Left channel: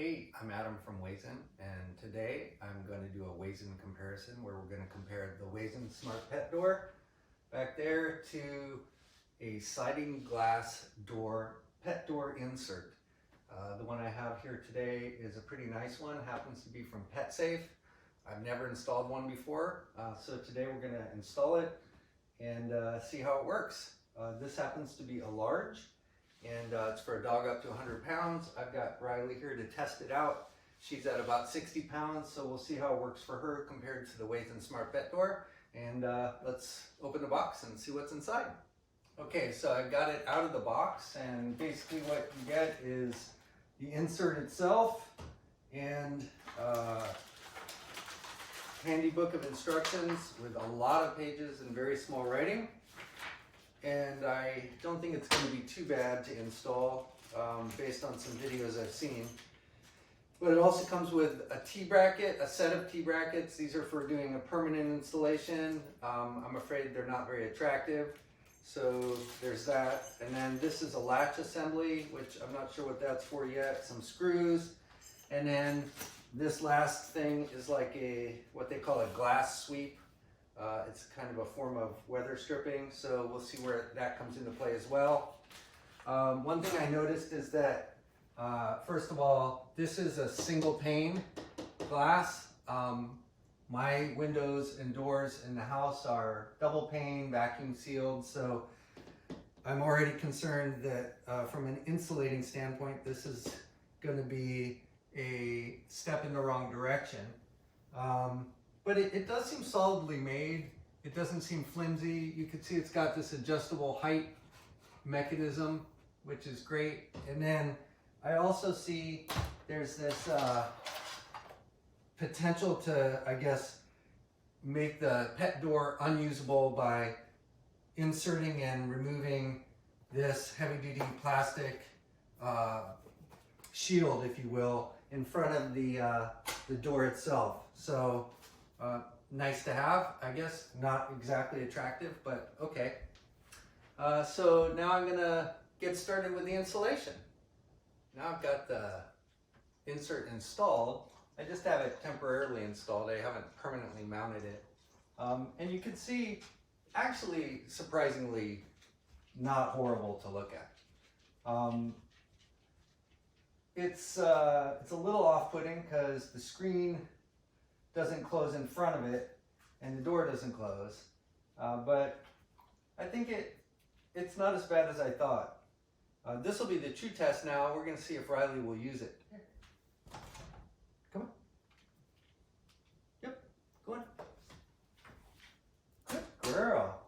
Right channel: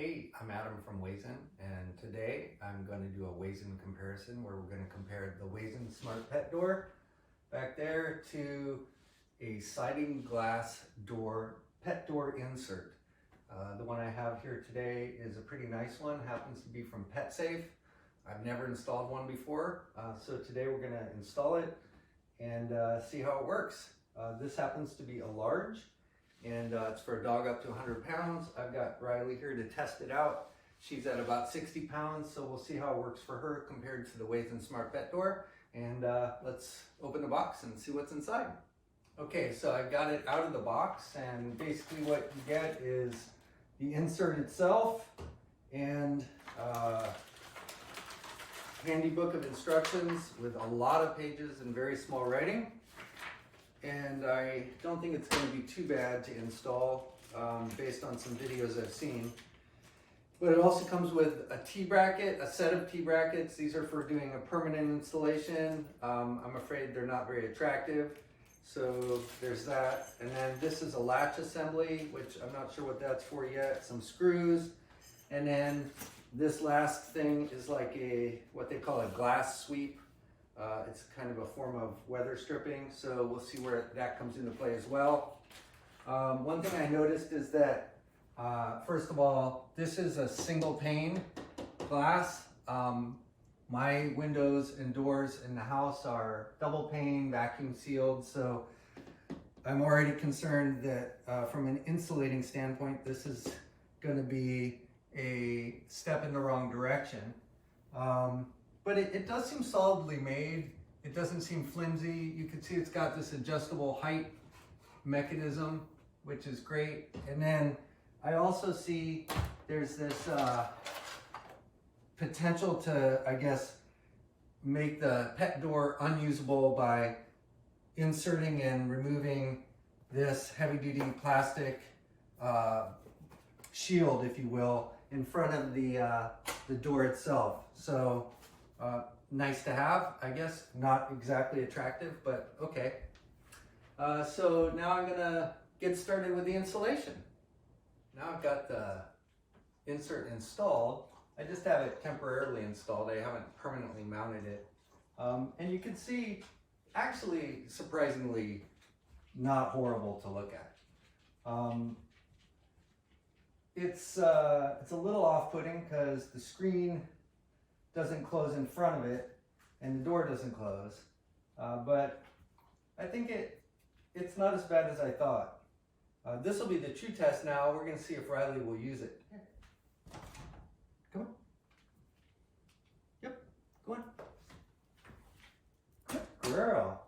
Hey, I'm Adam from Wayzn, and today I'm going to do a Wayzn comparison where we're going to compare the Wayzn Smart Pet Door back there to a sliding glass door, pet door insert. The one I have here today is a pretty nice one, happens to be from PetSafe. I've never installed one before, so today we're going to install it and see how it works. This happens to be a large, and it's for a dog up to 100 pounds. I've got Riley here to test it out. She's at about 60 pounds, so we'll see how it works for her compared to the Wayzn Smart Pet Door. And let's open the box and see what's inside. Okay, so I've got it out of the box, and basically what you get is the insert itself and handy book of instructions with a lot of pages and very small writing. And I don't think it's going to be too bad to install based on some videos I've seen. But it also comes with a T-bracket, a set of T-brackets. These are for doing a permanent installation. I'm afraid they're not very attractive. So there's that. And then this is a latch assembly, which I'm not sure what that's for yet. Some screws. And then this last thing is like what they call a glass sweep. It's kind of a form of weather stripping, so we'll see where that comes into play as well. One thing I noticed is that, first of all, this is a single pane glass. My windows and doors in the house are double pane, vacuum sealed, so I'm already concerned that from an insulating standpoint, this is going to be a step in the wrong direction. But it does seem solidly made. It doesn't seem flimsy. You can see it's got this adjustable height mechanism, which is great. And then I also see there's this potential to, I guess, make the pet door unusable by inserting and removing this heavy-duty plastic shield, if you will, in front of the door itself. So nice to have, I guess. Not exactly attractive, but okay. So now I'm gonna get started with the installation. Now I've got the insert installed. I just have it temporarily installed. I haven't permanently mounted it. And you can see, actually, surprisingly, not horrible to look at. It's a little off-putting because the screen doesn't close in front of it and the door doesn't close, but I think it's not as bad as I thought. This will be the true test now. We're going to see if Riley will use it. Here. Come on. Yep, go on. Good girl.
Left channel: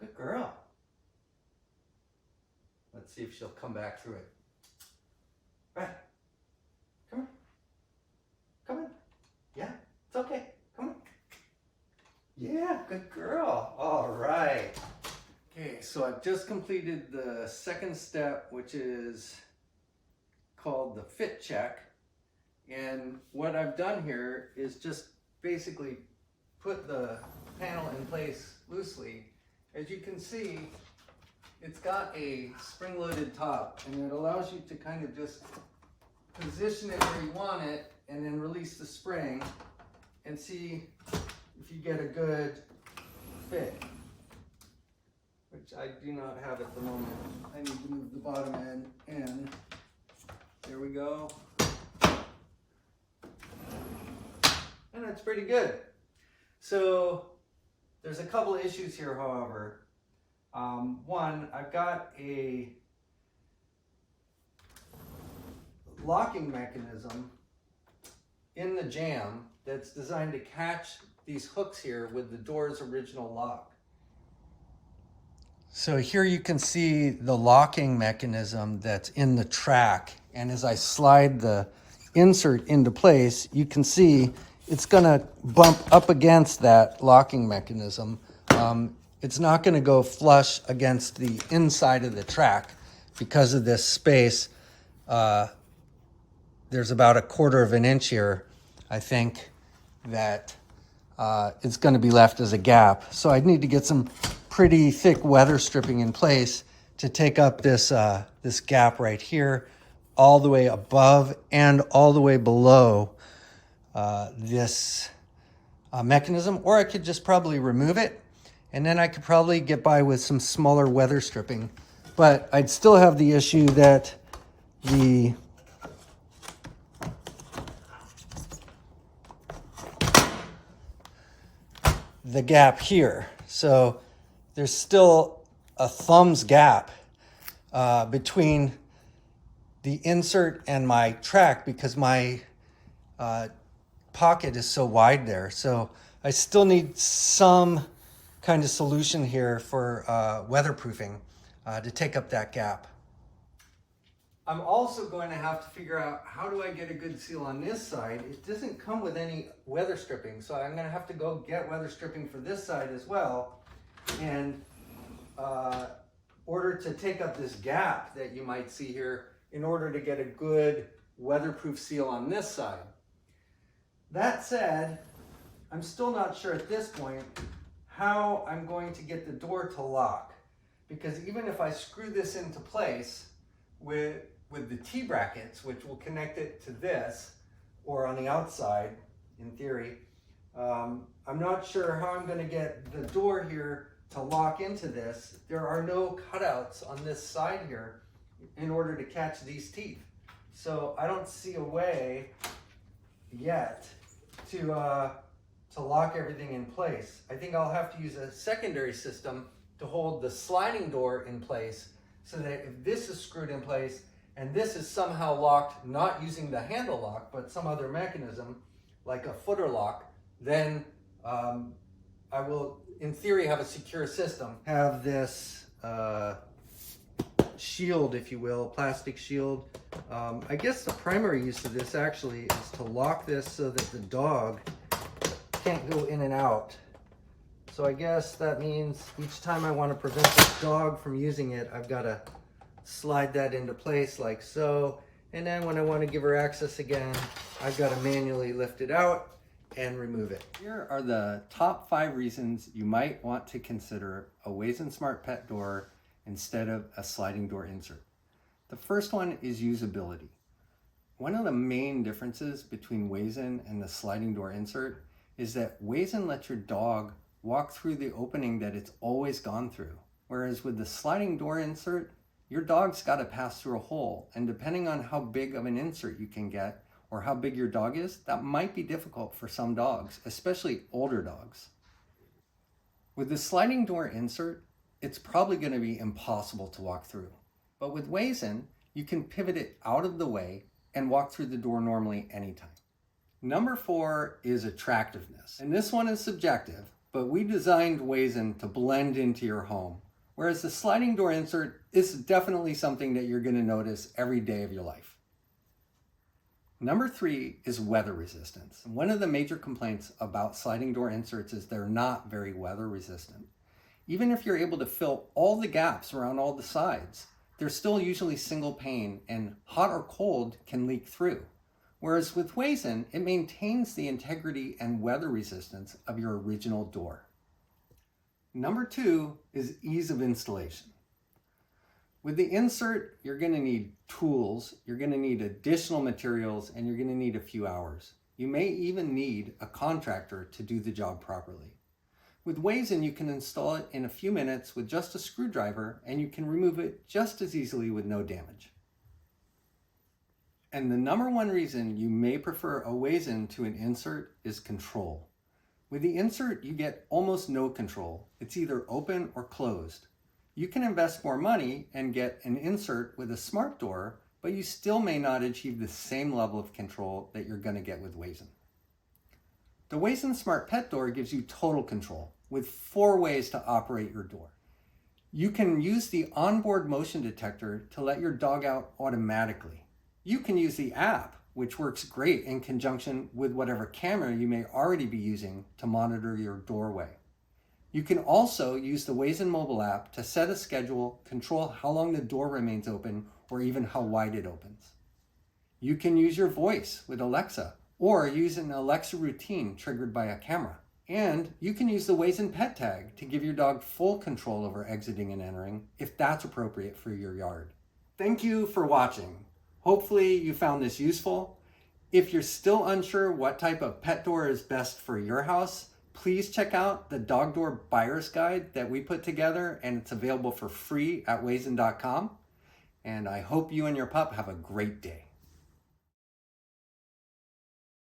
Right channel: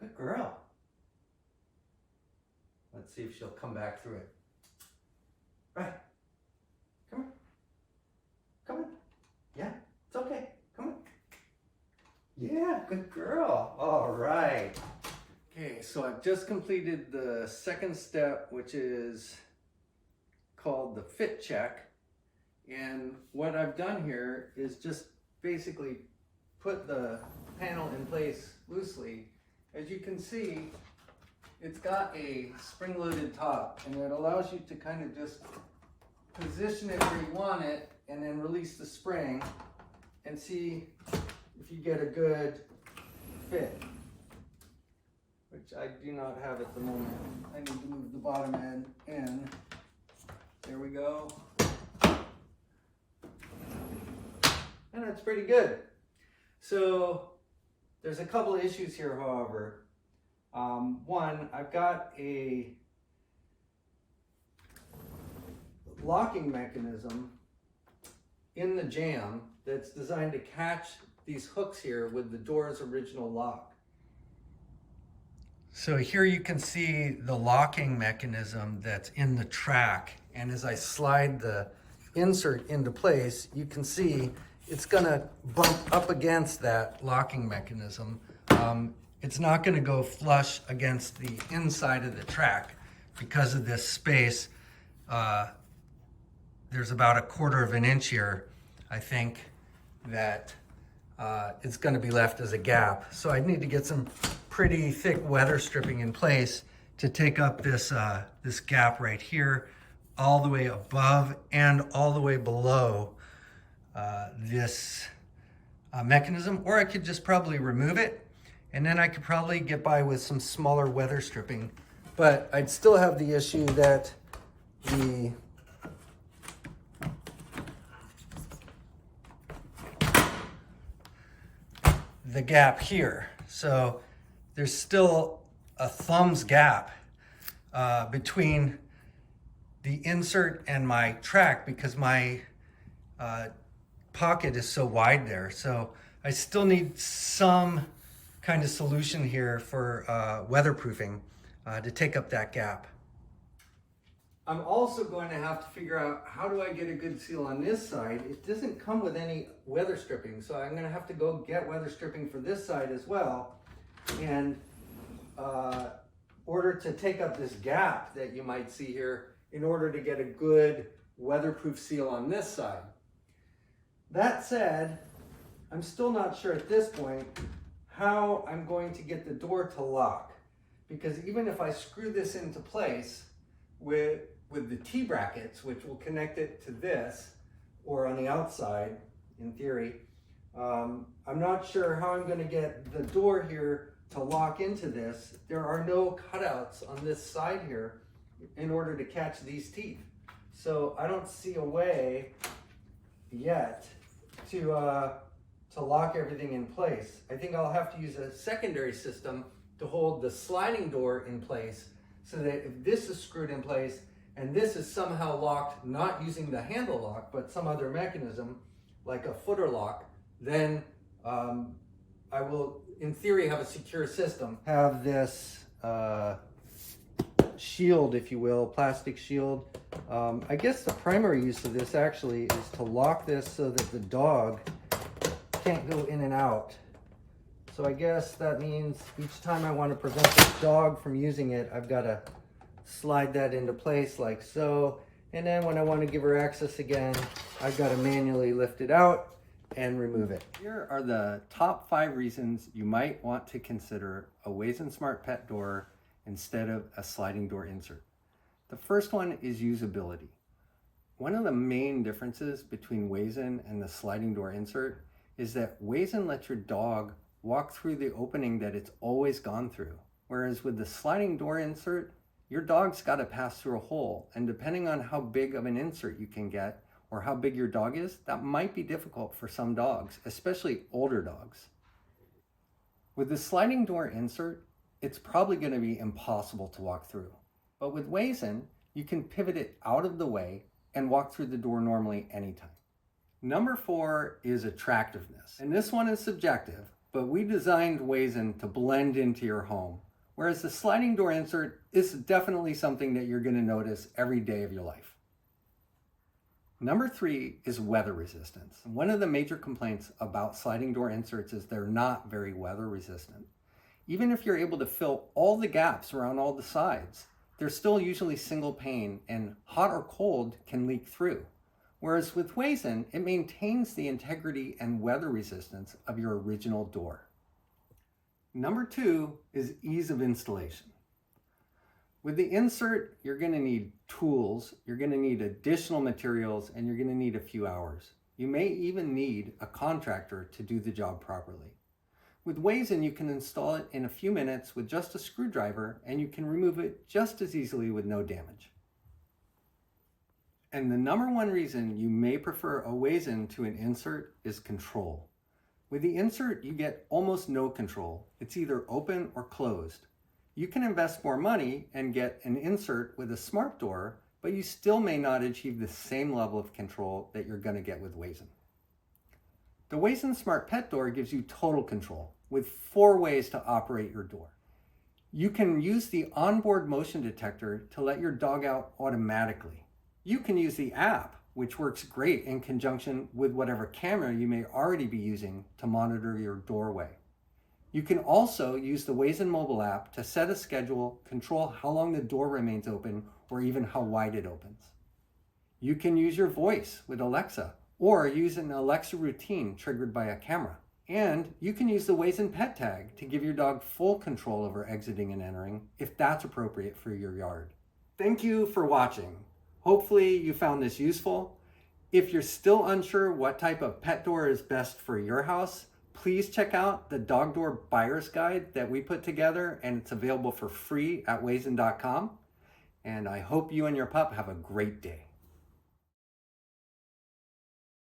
Good girl. Let's see if she'll come back through it. Right. Come on. Come on. Yeah, it's okay. Come on. Yeah, good girl. All right. Okay, so I've just completed the second step, which is called the fit check. And what I've done here is just basically put the panel in place loosely. As you can see, it's got a spring-loaded top, and it allows you to kind of just position it where you want it and then release the spring and see if you get a good fit, which I do not have at the moment. I need to move the bottom end in. There we go. And it's pretty good. So there's a couple of issues here, however. One, I've got a locking mechanism in the jamb that's designed to catch these hooks here with the door's original lock. So here you can see the locking mechanism that's in the track, and as I slide the insert into place, you can see it's gonna bump up against that locking mechanism. It's not gonna go flush against the inside of the track because of this space. There's about 1/4 of an inch here, I think, that it's going to be left as a gap. So I need to get some pretty thick weather stripping in place to take up this, this gap right here. all the way above and all the way below this mechanism, or I could just probably remove it, and then I could probably get by with some smaller weather stripping. But I'd still have the issue that the gap here. So there's still a thumb's gap between the insert and my track because my pocket is so wide there. So I still need some kind of solution here for weatherproofing to take up that gap. I'm also going to have to figure out how do I get a good seal on this side. It doesn't come with any weather stripping, so I'm going to have to go get weather stripping for this side as well, and order to take up this gap that you might see here in order to get a good weatherproof seal on this side. That said, I'm still not sure at this point how I'm going to get the door to lock, because even if I screw this into place with the T-brackets, which will connect it to this, or on the outside, in theory, I'm not sure how I'm going to get the door here to lock into this. There are no cutouts on this side here in order to catch these teeth. So I don't see a way yet to lock everything in place. I think I'll have to use a secondary system to hold the sliding door in place, so that if this is screwed in place and this is somehow locked, not using the handle lock, but some other mechanism like a footer lock, then I will, in theory, have a secure system. Have this shield, if you will, plastic shield. I guess the primary use of this actually is to lock this so that the dog can't go in and out. So I guess that means each time I want to prevent the dog from using it, I've got to slide that into place like so. And then when I want to give her access again, I've got to manually lift it out and remove it. Here are the top 5 reasons you might want to consider a Wayzn Smart Pet Door instead of a sliding door insert. The first one is usability. One of the main differences between Wayzn and the sliding door insert is that Wayzn lets your dog walk through the opening that it's always gone through. Whereas with the sliding door insert, your dog's got to pass through a hole, and depending on how big of an insert you can get or how big your dog is, that might be difficult for some dogs, especially older dogs. With the sliding door insert, it's probably going to be impossible to walk through. But with Wayzn, you can pivot it out of the way and walk through the door normally anytime. Number 4 is attractiveness. And this one is subjective, but we designed Wayzn to blend into your home, whereas the sliding door insert is definitely something that you're going to notice every day of your life. Number 3 is weather resistance. One of the major complaints about sliding door inserts is they're not very weather resistant. Even if you're able to fill all the gaps around all the sides, they're still usually single pane, and hot or cold can leak through. Whereas with Wayzn, it maintains the integrity and weather resistance of your original door. Number 2 is ease of installation. With the insert, you're going to need tools, you're going to need additional materials, and you're going to need a few hours. You may even need a contractor to do the job properly. With Wayzn, you can install it in a few minutes with just a screwdriver, and you can remove it just as easily with no damage. And the number 1 reason you may prefer a Wayzn to an insert is control. With the insert, you get almost no control. It's either open or closed. You can invest more money and get an insert with a smart door, but you still may not achieve the same level of control that you're going to get with Wayzn. The Wayzn Smart Pet Door gives you total control with 4 ways to operate your door. You can use the onboard motion detector to let your dog out automatically. You can use the app, which works great in conjunction with whatever camera you may already be using to monitor your doorway. You can also use the Wayzn mobile app to set a schedule, control how long the door remains open, or even how wide it opens. You can use your voice with Alexa, or use an Alexa routine triggered by a camera. And you can use the Wayzn Pet Tag to give your dog full control over exiting and entering, if that's appropriate for your yard. Thank you for watching. Hopefully you found this useful. If you're still unsure what type of pet door is best for your house, please check out the dog door buyer's guide that we put together, and it's available for free at wayzn.com. And I hope you and your pup have a great day.